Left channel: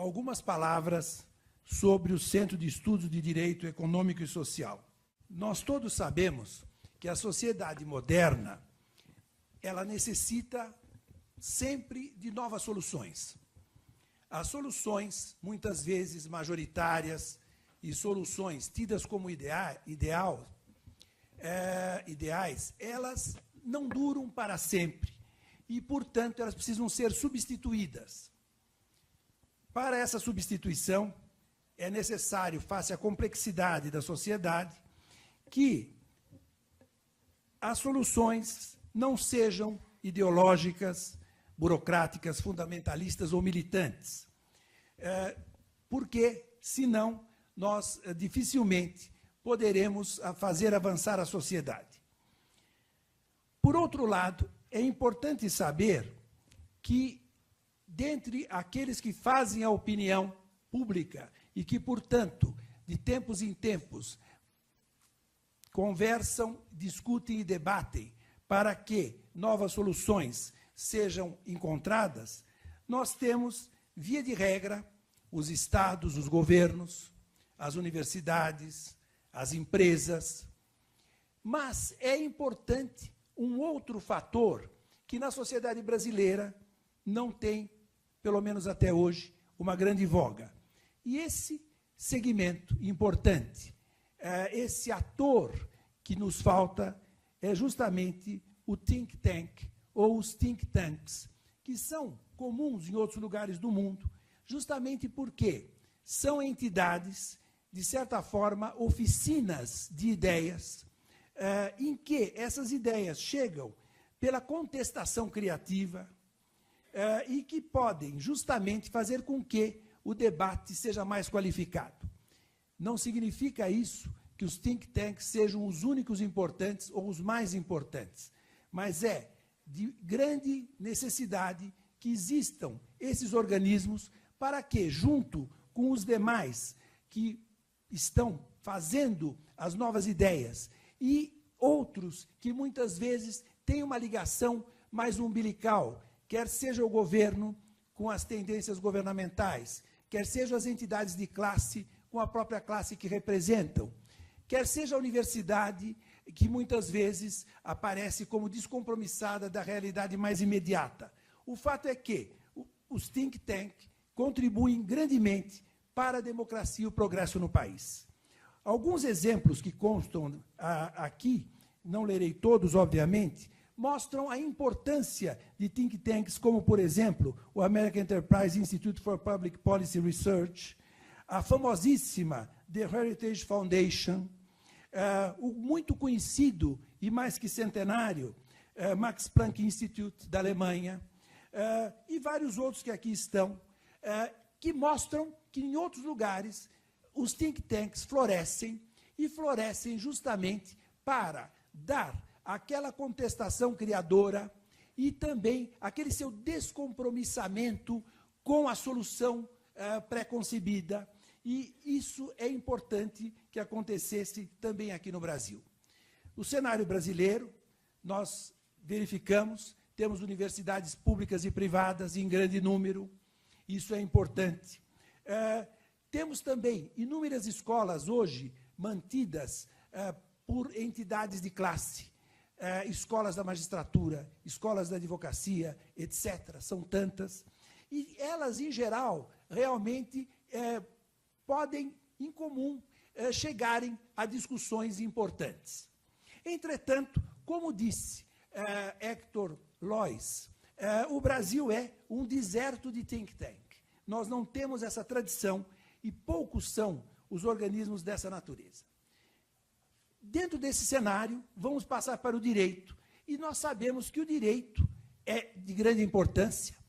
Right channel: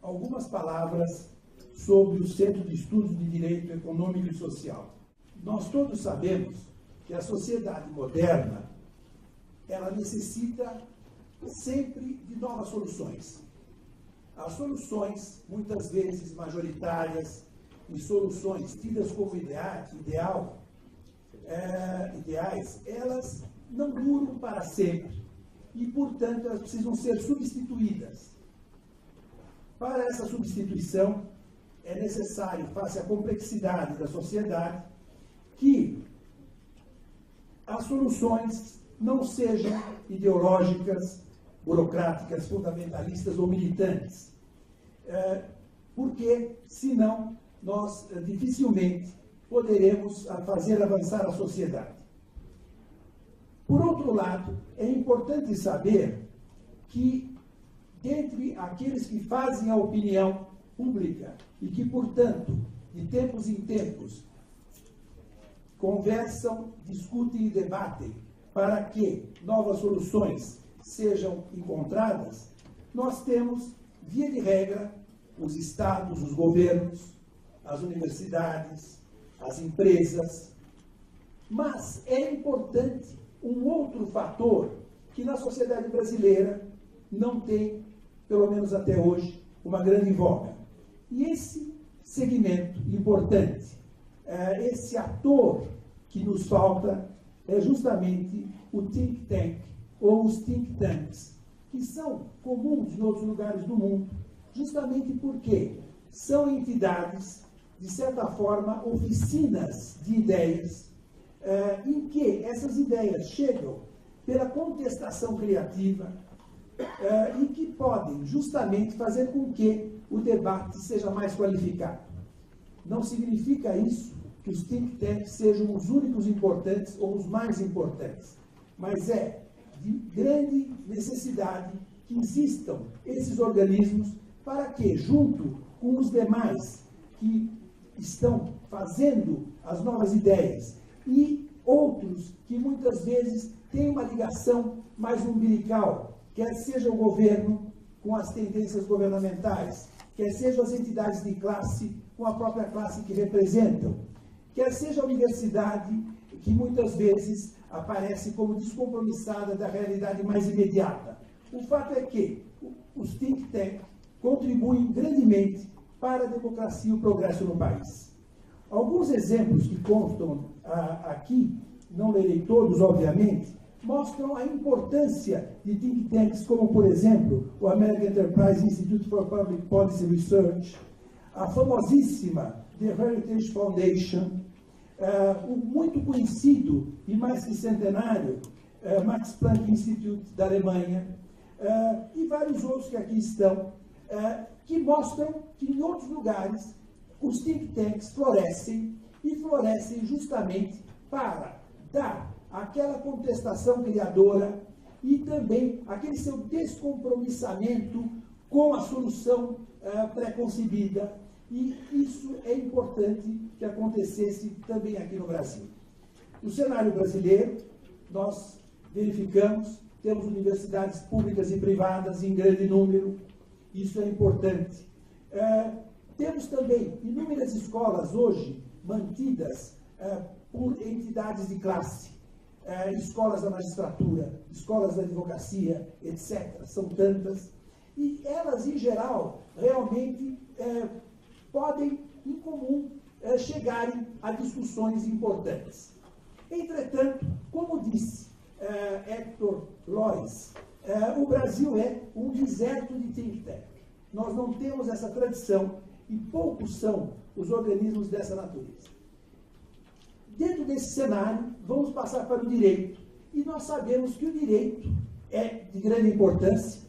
algumas palavras sobre o Centro de Estudos de Direito Econômico e Social. Nós todos sabemos que a sociedade moderna, ela necessita sempre de novas soluções. As soluções, muitas vezes majoritárias, e soluções tidas como ideais, elas não duram para sempre e, portanto, elas precisam ser substituídas. Para essa substituição, é necessário, face à complexidade da sociedade, que as soluções não sejam ideológicas, burocráticas, fundamentalistas ou militantes, porque, senão, nós dificilmente poderemos fazer avançar a sociedade. Por outro lado, é importante saber que, dentre aqueles que fazem a opinião pública e que, portanto, de tempos em tempos, conversam, discutem e debatem para que novas soluções sejam encontradas, nós temos, via de regra, os estados, os governos, as universidades, as empresas. Mas é importante um outro fator que na sociedade brasileira não tem, pelo menos até hoje, uma grande voga. E esse segmento importante, esse ator que nos falta, é justamente o think tank, ou os think tanks, que são comuns em outros lugares do mundo, justamente porque são entidades, de certa forma, oficinas de ideias, em que essas ideias chegam pela contestação criativa, e que podem justamente fazer com que o debate seja mais qualificado. Não significa isso que os think tanks sejam os únicos importantes ou os mais importantes, mas é de grande necessidade que existam esses organismos para que, junto com os demais que estão fazendo as novas ideias e outros que muitas vezes têm uma ligação mais umbilical, quer seja o governo com as tendências governamentais, quer sejam as entidades de classe com a própria classe que representam, quer seja a universidade, que muitas vezes aparece como descompromissada da realidade mais imediata. O fato é que os think tanks contribuem grandemente para a democracia e o progresso no país. Alguns exemplos que constam aqui, não lerei todos, obviamente, mostram a importância de think tanks como, por exemplo, o American Enterprise Institute for Public Policy Research, a famosíssima The Heritage Foundation, o muito conhecido e mais que centenário Max Planck Institute da Alemanha, e vários outros que aqui estão, que mostram que em outros lugares os think tanks florescem, e florescem justamente para dar aquela contestação criadora e também aquele seu descompromissamento com a solução pré-concebida. E isso é importante que acontecesse também aqui no Brasil. O cenário brasileiro, nós verificamos, temos universidades públicas e privadas em grande número, isso é importante. Temos também inúmeras escolas hoje mantidas por entidades de classe, escolas da magistratura, escolas da advocacia, etc. São tantas. E elas, em geral, realmente podem, em comum, chegarem a discussões importantes. Entretanto, como disse Hector Lois, o Brasil é um deserto de think tank. Nós não temos essa tradição e poucos são os organismos dessa natureza. Dentro desse cenário, vamos passar para o direito. E nós sabemos que o direito é de grande importância,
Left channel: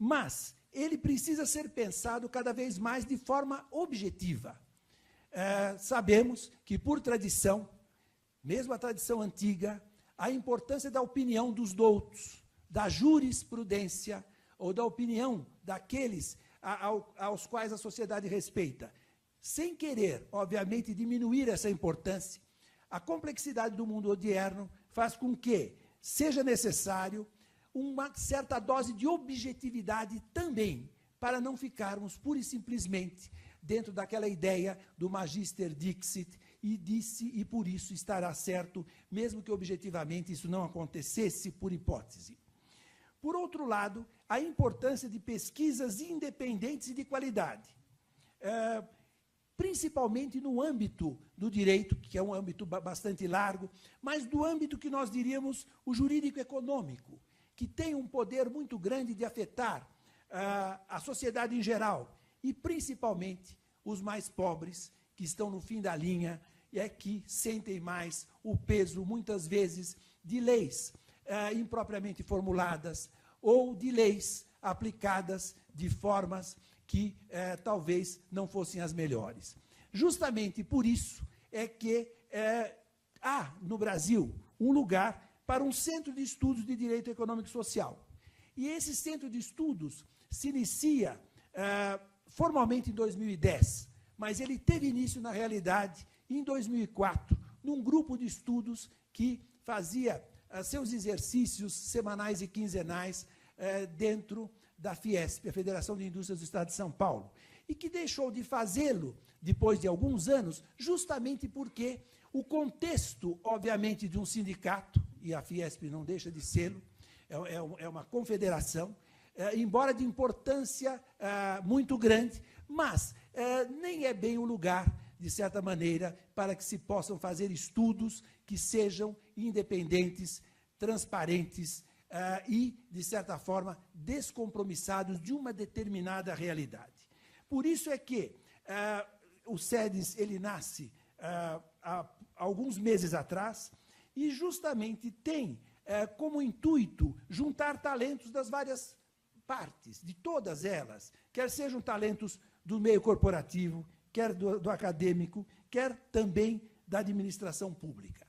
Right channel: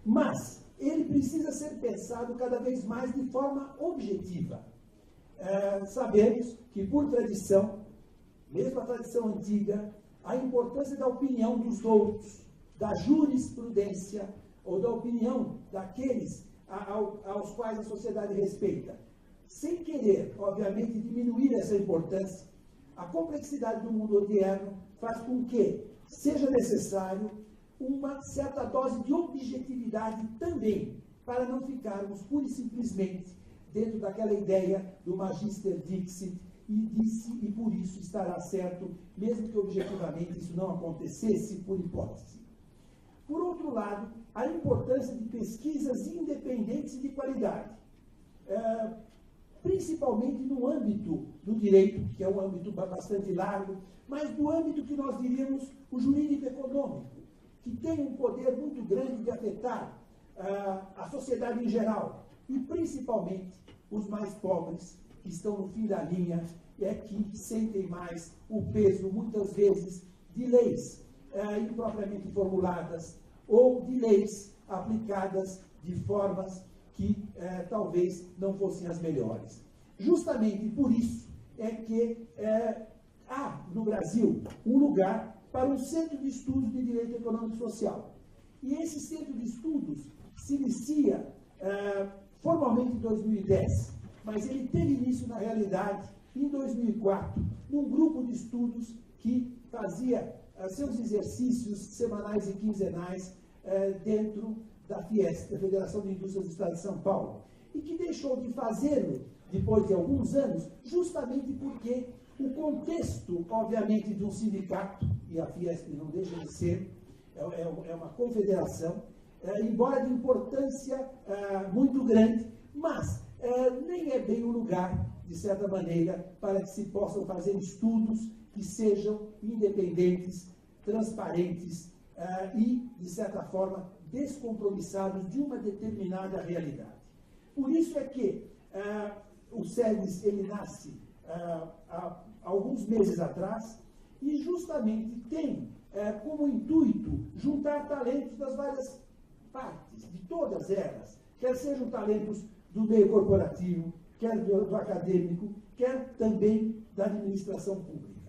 mas ele precisa ser pensado cada vez mais de forma objetiva. Sabemos que, por tradição, mesmo a tradição antiga, a importância da opinião dos doutos, da jurisprudência, ou da opinião daqueles aos quais a sociedade respeita, sem querer, obviamente, diminuir essa importância, a complexidade do mundo odierno faz com que seja necessário uma certa dose de objetividade também para não ficarmos pura e simplesmente dentro daquela ideia do Magister Dixit, e disse, e por isso estará certo, mesmo que objetivamente isso não acontecesse, por hipótese. Por outro lado, a importância de pesquisas independentes e de qualidade, principalmente no âmbito do direito, que é um âmbito bastante largo, mas do âmbito que nós diríamos o jurídico-econômico, que tem um poder muito grande de afetar a sociedade em geral, e principalmente os mais pobres, que estão no fim da linha, e é que sentem mais o peso, muitas vezes, de leis impropriamente formuladas, ou de leis aplicadas de formas que talvez não fossem as melhores. Justamente por isso é que há no Brasil um lugar para um centro de estudos de direito econômico e social. E esse centro de estudos se inicia formalmente em 2010, mas ele teve início, na realidade, em 2004, num grupo de estudos que fazia seus exercícios semanais e quinzenais dentro da Fiesp, a Federação de Indústrias do Estado de São Paulo, e que deixou de fazê-lo depois de alguns anos, justamente porque o contexto, obviamente, de um sindicato, e a Fiesp não deixa de ser, é uma confederação, embora de importância muito grande, mas nem é bem o lugar, de certa maneira, para que se possam fazer estudos que sejam independentes, transparentes e, de certa forma, descompromissados de uma determinada realidade. Por isso é que o SEDES ele nasce há alguns meses atrás e justamente tem como intuito juntar talentos das várias partes, de todas elas, quer sejam talentos do meio corporativo, quer do acadêmico, quer também da administração pública.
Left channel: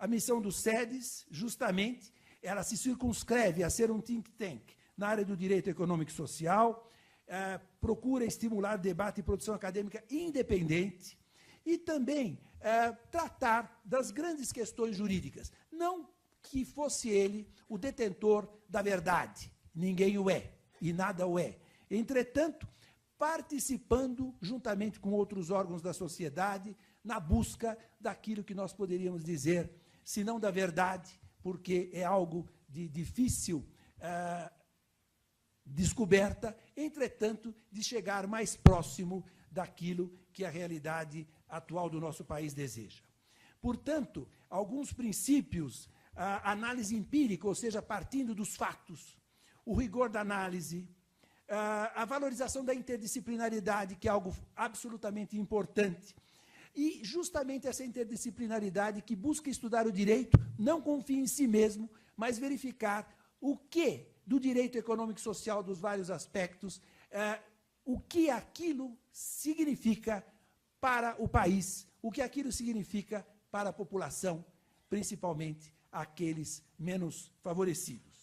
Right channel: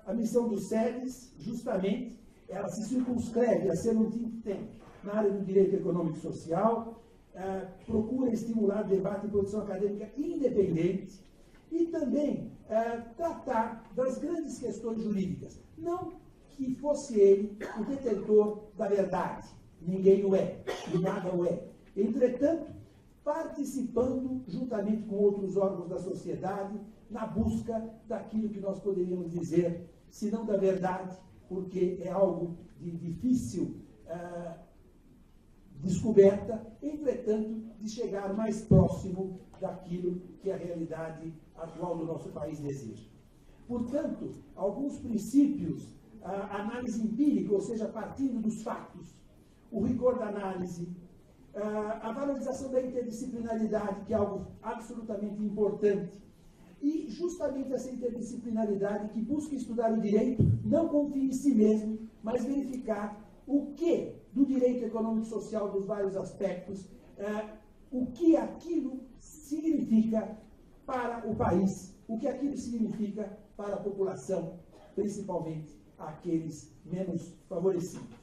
A missão do SEDES, justamente, ela se circunscreve a ser um think tank na área do direito econômico e social, procura estimular debate e produção acadêmica independente e também tratar das grandes questões jurídicas. Não que fosse ele o detentor da verdade, ninguém o é e nada o é. Entretanto, participando, juntamente com outros órgãos da sociedade, na busca daquilo que nós poderíamos dizer, se não da verdade, porque é algo de difícil descoberta, entretanto, de chegar mais próximo daquilo que a realidade atual do nosso país deseja. Portanto, alguns princípios, a análise empírica, ou seja, partindo dos fatos, o rigor da análise, a valorização da interdisciplinaridade, que é algo absolutamente importante, e justamente essa interdisciplinaridade que busca estudar o direito, não confia em si mesmo, mas verificar o que do direito econômico e social dos vários aspectos, o que aquilo significa para o país, o que aquilo significa para a população, principalmente aqueles menos favorecidos.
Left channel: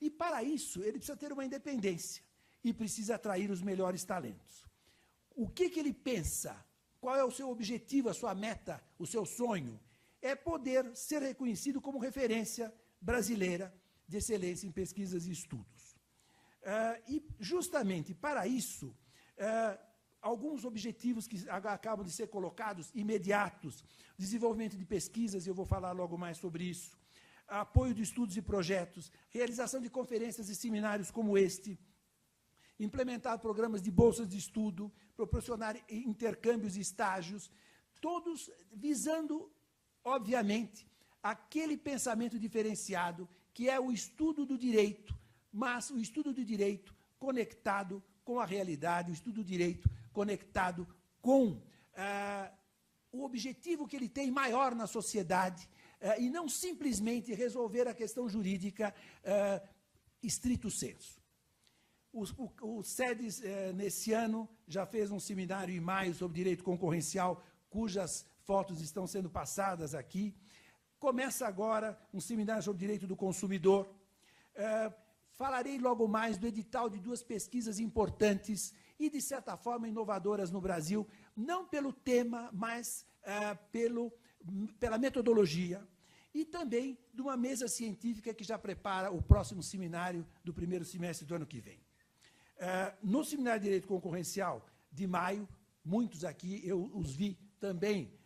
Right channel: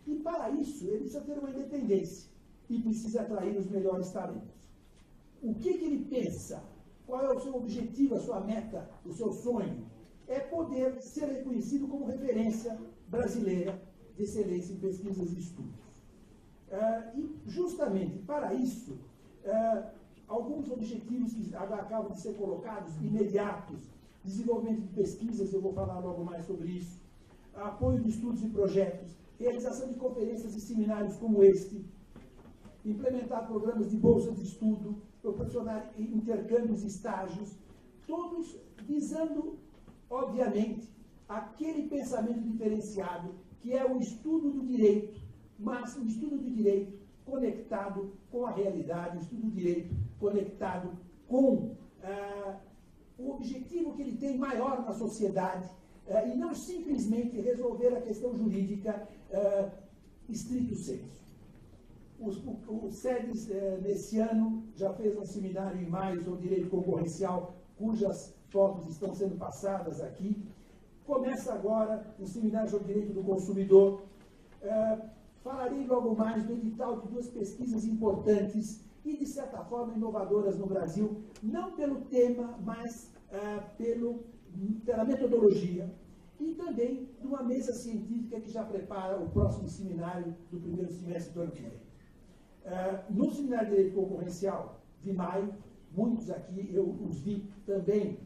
E para isso, ele precisa ter uma independência e precisa atrair os melhores talentos. O que ele pensa? Qual é o seu objetivo, a sua meta, o seu sonho? É poder ser reconhecido como referência brasileira de excelência em pesquisas e estudos. E, justamente, para isso, alguns objetivos que acabam de ser colocados, imediatos, desenvolvimento de pesquisas, eu vou falar logo mais sobre isso, apoio de estudos e projetos, realização de conferências e seminários como este, implementar programas de bolsas de estudo, proporcionar intercâmbios e estágios, todos visando, obviamente, aquele pensamento diferenciado que é o estudo do direito, mas o estudo do direito conectado com a realidade, o estudo do direito conectado com o objetivo que ele tem maior na sociedade, e não simplesmente resolver a questão jurídica estrito sensu. O SEDES, nesse ano, já fez um seminário em maio sobre direito concorrencial, cujas fotos estão sendo passadas aqui. Começa agora um seminário sobre direito do consumidor. Falarei logo mais do edital de duas pesquisas importantes e, de certa forma, inovadoras no Brasil, não pelo tema, mas pela metodologia, e também de uma mesa científica que já prepara o próximo seminário do primeiro semestre do ano que vem. No Seminário de Direito Concorrencial de maio, muitos aqui eu os vi também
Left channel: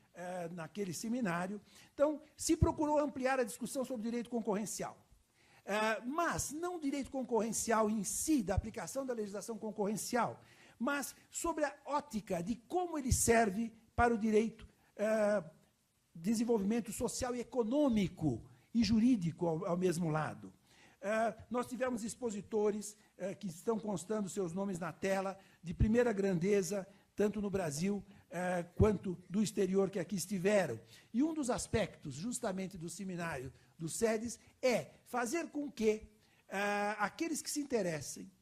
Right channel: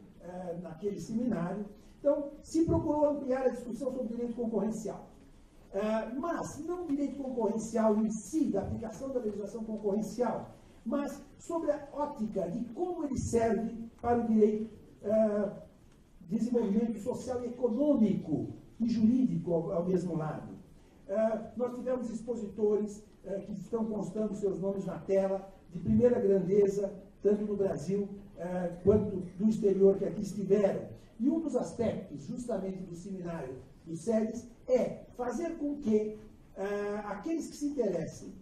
naquele seminário. Então, se procurou ampliar a discussão sobre o direito concorrencial. Mas não o direito concorrencial em si, da aplicação da legislação concorrencial, mas sobre a ótica de como ele serve para o direito, desenvolvimento social e econômico e jurídico ao mesmo lado. Nós tivemos expositores que estão constando seus nomes na tela, de primeira grandeza, tanto no Brasil quanto do exterior que aqui estiveram. E um dos aspectos, justamente, do seminário do SEDES é fazer com que aqueles que se interessem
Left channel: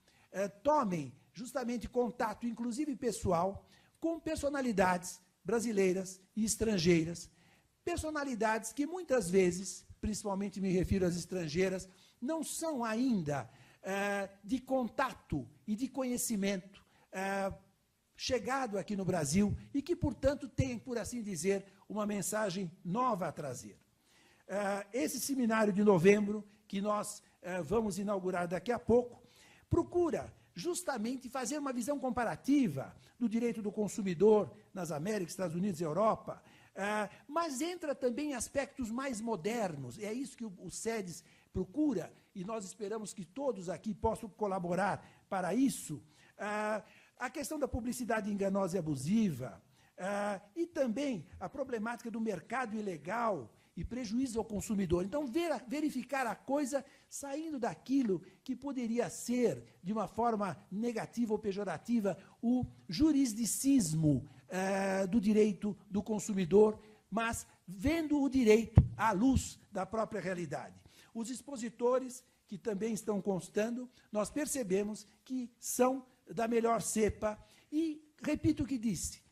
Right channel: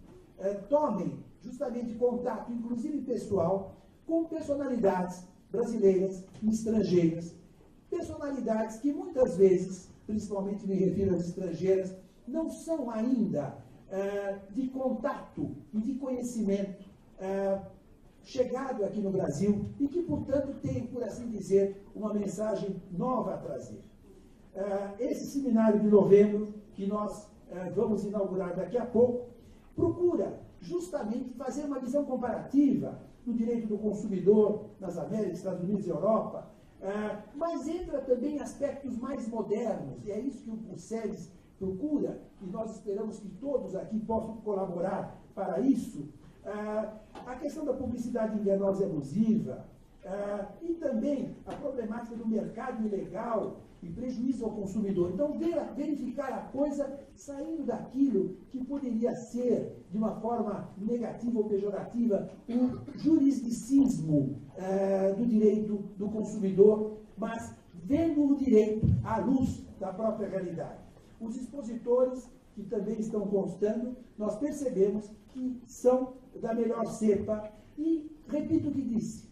tomem justamente contato, inclusive pessoal, com personalidades brasileiras e estrangeiras. Personalidades que muitas vezes, principalmente me refiro às estrangeiras, não são ainda de contato e de conhecimento chegado aqui no Brasil e que, portanto, tem, por assim dizer, uma mensagem nova a trazer. Esse seminário de novembro, que nós vamos inaugurar daqui a pouco, procura justamente fazer uma visão comparativa do direito do consumidor nas Américas, Estados Unidos e Europa, mas entra também em aspectos mais modernos. É isso que o SEDES procura, e nós esperamos que todos aqui possam colaborar para isso. A questão da publicidade enganosa e abusiva, e também a problemática do mercado ilegal e prejuízo ao consumidor. Então, verificar a coisa saindo daquilo que poderia ser, de uma forma negativa ou pejorativa, o jurisdicismo do direito do consumidor, mas vendo o direito à luz da própria realidade. Os expositores, que também estão constando, nós percebemos que são da melhor cepa e, repito o que disse,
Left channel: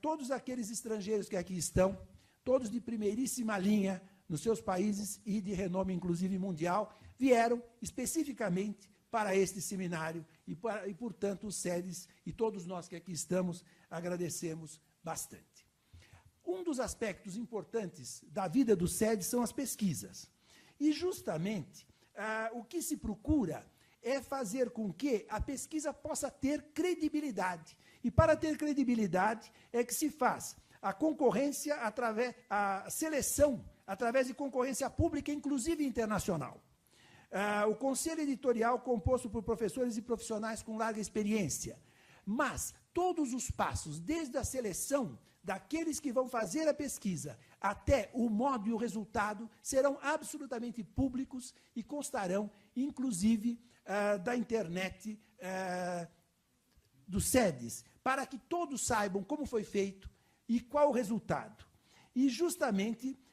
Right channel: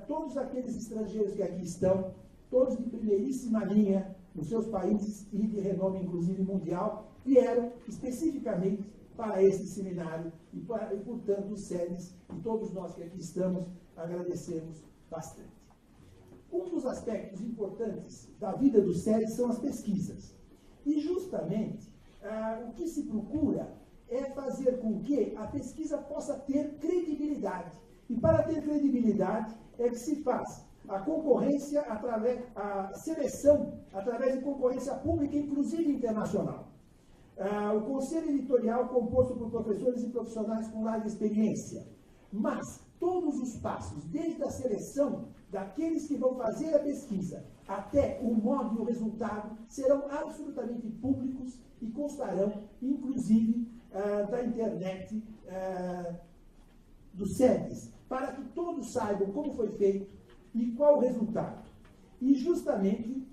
todos aqueles estrangeiros que aqui estão, todos de primeiríssima linha nos seus países e de renome, inclusive mundial, vieram especificamente para este seminário e, portanto, os SEDES e todos nós que aqui estamos agradecemos bastante. Um dos aspectos importantes da vida do SEDES são as pesquisas. E, justamente, o que se procura é fazer com que a pesquisa possa ter credibilidade. E, para ter credibilidade, é que se faz a concorrência, a seleção, através de concorrência pública, inclusive internacional. O conselho editorial composto por professores e profissionais com larga experiência. Mas todos os passos, desde a seleção daqueles que vão fazer a pesquisa até o modo e o resultado, serão absolutamente públicos e constarão, inclusive, da internet do SEDES, para que todos saibam como foi feito e qual o resultado. E, justamente,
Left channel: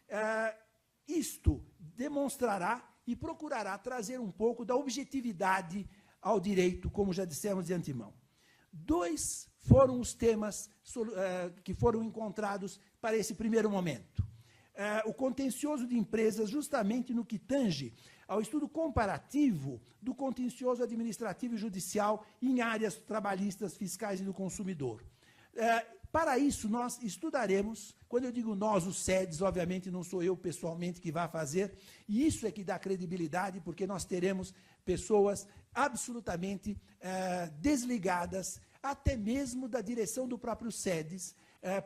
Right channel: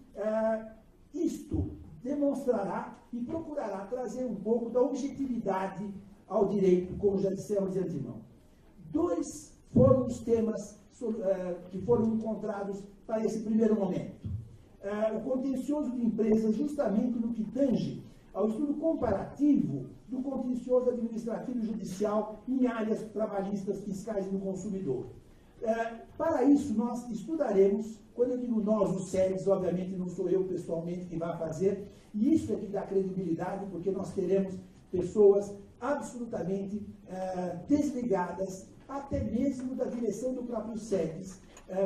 isto demonstrará e procurará trazer um pouco da objetividade ao direito, como já dissemos de antemão. Dois foram os temas que foram encontrados para esse primeiro momento. O contencioso de empresas, justamente no que tange ao estudo comparativo do contencioso administrativo e judicial em áreas trabalhistas, fiscais e do consumidor. Para isso, nós estudaremos, quando eu digo nós, os SEDES, obviamente não sou eu pessoalmente que vai fazer, e isso é que dá credibilidade, porque nós teremos pessoas absolutamente desligadas, até mesmo da direção do próprio SEDES,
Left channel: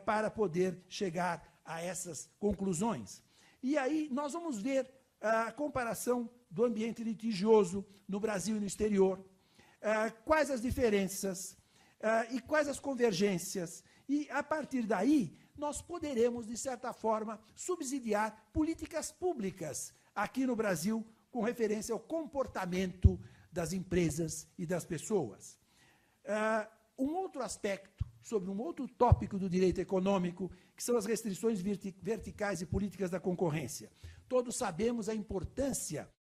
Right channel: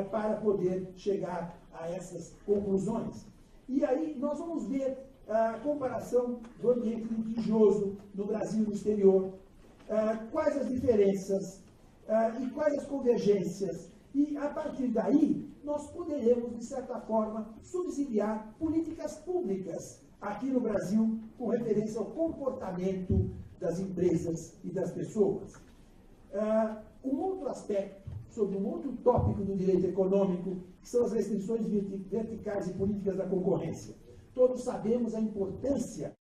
para poder chegar a essas conclusões. E aí nós vamos ver a comparação do ambiente litigioso no Brasil e no exterior, quais as diferenças e quais as convergências, e a partir daí nós poderemos, de certa forma, subsidiar políticas públicas aqui no Brasil com referência ao comportamento das empresas e das pessoas. Um outro aspecto, sobre um outro tópico do direito econômico, que são as restrições verticais e políticas da concorrência. Todos sabemos a importância